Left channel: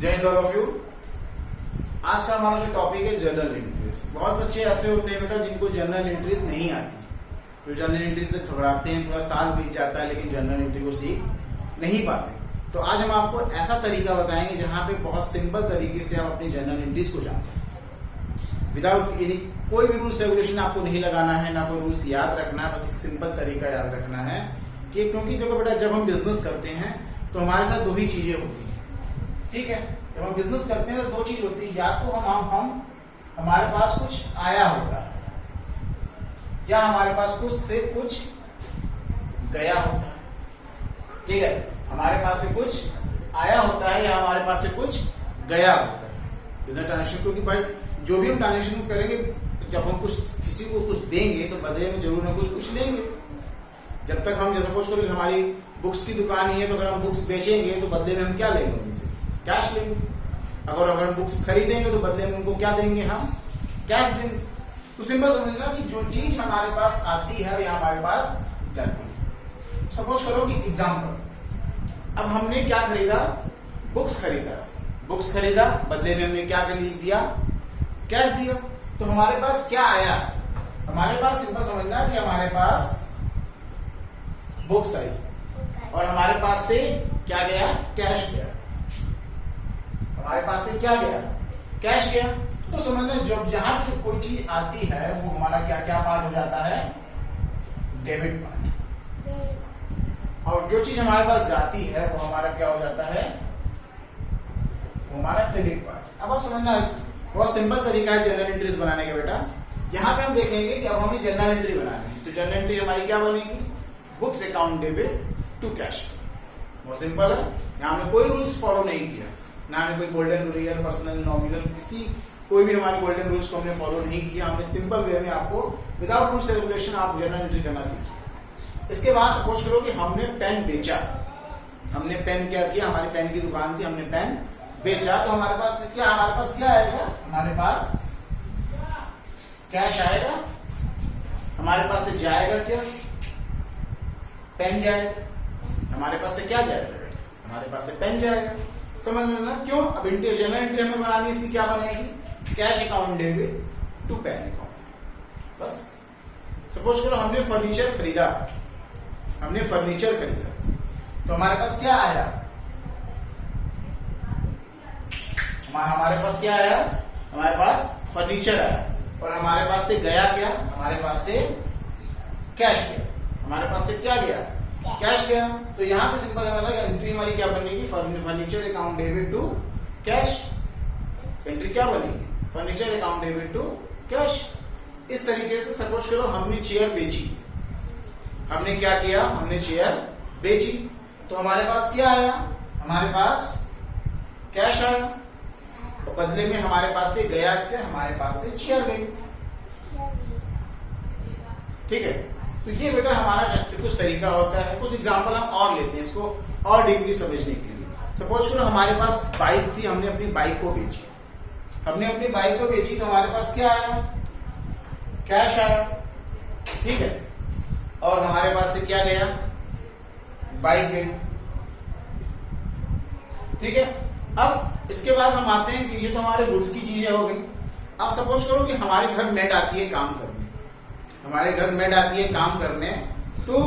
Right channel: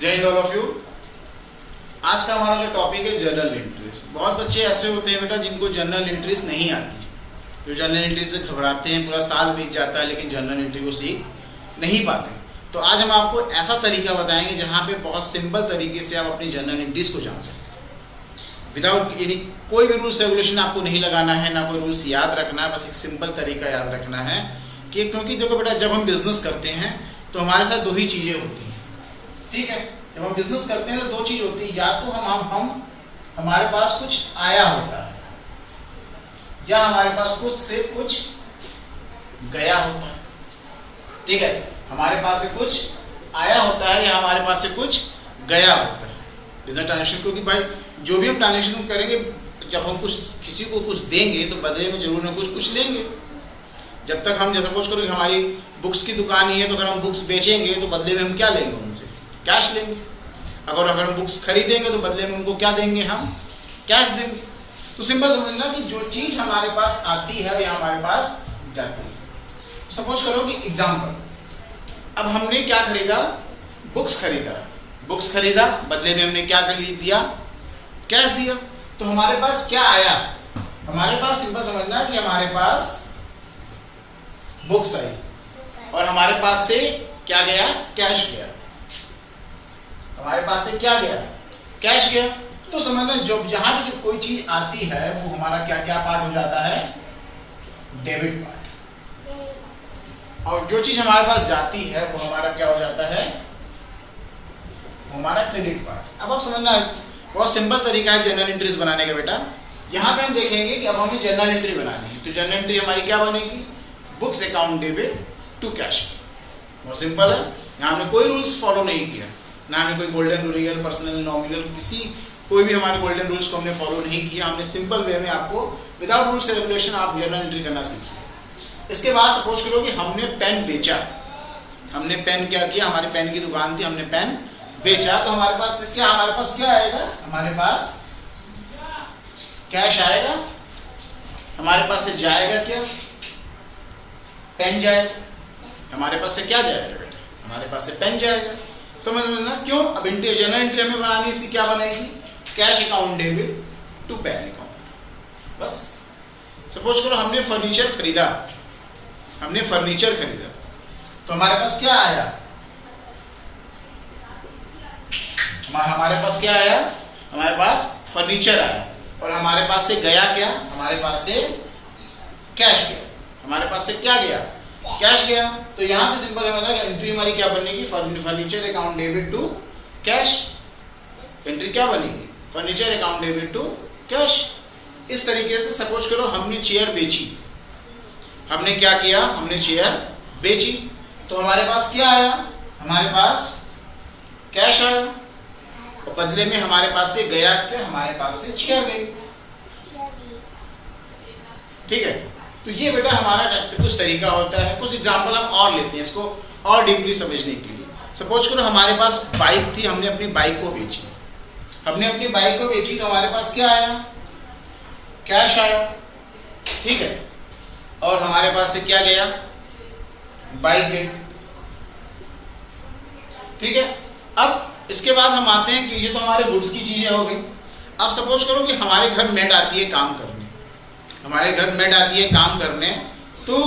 जय Hind all of you. आज का हमारा जो टॉपिक है जर्नल एंट्रीज। बहुत बच्चे ऐसे होते हैं बेटा जिनको जर्नल एंट्रीज नहीं आती, जो जर्नल एंट्रीज से घबराते हैं, पूरा साल बीत जाता है लेकिन जर्नल एंट्री को सीख नहीं पाते। तो आज हम आपको ऐसा तरीका बताएंगे जहाँ पे बहुत सिंपल तरीके से आप अपनी जर्नल एंट्रीज को जान सकते हैं विदाउट यानी कोई भी रूल्स रेगुलेशन आपको नहीं लगाना है, ना कोई रूल्स याद रखना है, बस एक सिंपल तरीका याद रखना है कि क्योंकि देखो बेटा जब हम बिजनेस करते हैं तो हमारे साथ दो ही चीज़ें होती हैं, ठीक है। जब हम बिजनेस करते हैं तो दो चीज होती है, या तो हम हमारे पास कुछ आया होता है या हमारे पास कुछ से कुछ गया होता है, ठीक है। हमारे पास से कुछ आया होता है या हमारे पास से कुछ गया होता है बिजनेस ट्रांजेक्शन। क्योंकि भाई जो भी हम ट्रांजेक्शन करेंगे, जब हम कुछ किसी को कुछ देंगे तो बदले में जरूर ना कुछ लेंगे। जब तक हम जैसे सपोज करो कि हमारी बुक्स की दुकान ही है तो अगर हम बुक्स बेचेंगे तो बदले में हम क्या लेंगे, उनसे कैश लेंगे। अगर हम बुक्स खरीदेंगे तो बदले में उनको क्या देंगे, हम कैश देंगे। तो सिंपल समझना कि जो चीज हमारे पास आती है या हमारे पास जाती है। सपोज करो कि एग्जाम्पल, अब हमने क्या खरीदा, बुक्स खरीदा, बदले में हमने क्या दिया, कैश दिया। तो हमारे पास क्या आया, हमारे पास सिंपल समझना कि हमारे पास बुक्स आई और हमारे पास से क्या गया, कैश गया। हमारे पास से क्या गया, कैश गया। तो समझना जब जहां भी कोई चीज आती है वो हमारा क्या क्या पार्ट हो जाता है, डेबिट पार्ट। और जो चीज हमारे पास जाती है वो हमारा क्या हो जाता है, वो हमारा क्रेडिट पार्ट। अब आप समझना बहुत सिंपल तरीका है जर्नल एंट्रीज बनाने का बेटा। यहाँ पे हम देखेंगे कि अब हमें जर्नल एंट्री बनानी है, तो जर्नल एंट्री हमारी क्या बनेगी, books account debit to cash. बहुत सिंपल है, यहाँ हमने कोई रूल्स फॉलो नहीं किया, ना हमें कोई golden rule, real, personal, nominal, कोई भी हमारे गोल्डन रूल्स को हमने फॉलो नहीं किया। हमने सिंपल वे में आपको विदाउट रूल्स रेगुलेशन आप जर्नल एंट्री करना सीखिए। इसके बाद सपोज करो कि हमने पेन बेचा, हमने पेन क्या किया, हमारी पेन की दुकान थी, हमने पेन बेचा। तो हमारे पास क्या आएगा, हमारे पास कैश आएगा, हमारे पास से जाएगा क्या, पेन जाएगा। हमारे पास से क्या जाएगा बेटा, हमारे पास से पेन जाएगा। समझ में ना क्यों। अब जर्नल एंट्री हमें बनानी, इसकी क्या बनेगी, cash account debit to pen account. बस सपोज करो हमने फर्नीचर खरीदा, तो हमारे पास क्या आया, हमारे पास क्या आया, हमारे पास फर्नीचर आया। और हमारे पास से गया क्या, हमारे पास से कैश गया। हमारे पास से क्या गया, कैश गया। तो यहाँ पे सिंपल है, एंट्री हमारी क्या बनेगी, furniture account debit to cash. Entry क्या बनेगी, furniture account debit to cash. इस तरीके से सपोज करो हमने चेयर बेची, हमने क्या किया, हमने चेयर बेची। तो हमारे पास क्या आया, हमारे पास कैश आया, और बदले में हमारे पास से गया क्या, हमारे पास से चेयर गई, ठीक है। तो ये बेटा हमारा कुछ तरीका होता है। कुछ एग्जांपल हम और लेते हैं इसको और डीपली समझने के लिए। सपोज करो हमारे पास बाइक थी, हमने अपनी बाइक को बेची, तो हमारे पास क्या आया, कैश आया, ठीक है। और हमारे पास से क्या गया, बाइक गई, ठीक है। अब इसके बाद हम आते हैं कि ये तो हमारे गुड्स की चीजें हो गई। अब सपोज करो कि हमारे घर मेड आती है काम करने, तो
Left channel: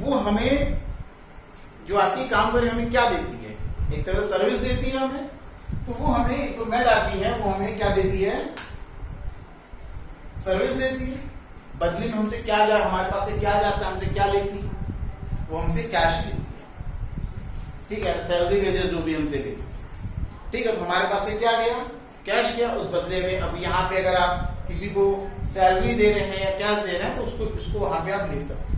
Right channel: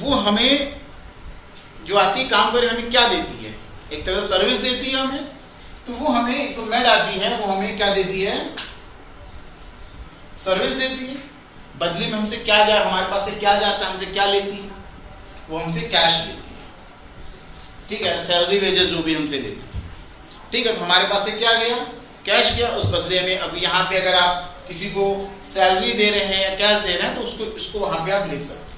वो हमें जो आती है काम करने हमें क्या देती है, एक तरह से सर्विस देती है हमें। तो वो हमें जो मेड आती है वो हमें क्या देती है, सर्विस देती है। बदली में हमसे क्या हमारे पास से क्या जाता है, हमसे क्या लेती है, वो हमसे कैश लेती है, ठीक है। सैलरी वेजेस जो भी हमसे लेती है, ठीक है। तो हमारे पास से क्या गया, कैश गया। उस बदले में अब यहाँ पे अगर आप किसी को सैलरी दे रहे हैं या कैश दे रहे हैं तो उसको वहां पे आप लिख सकते हैं।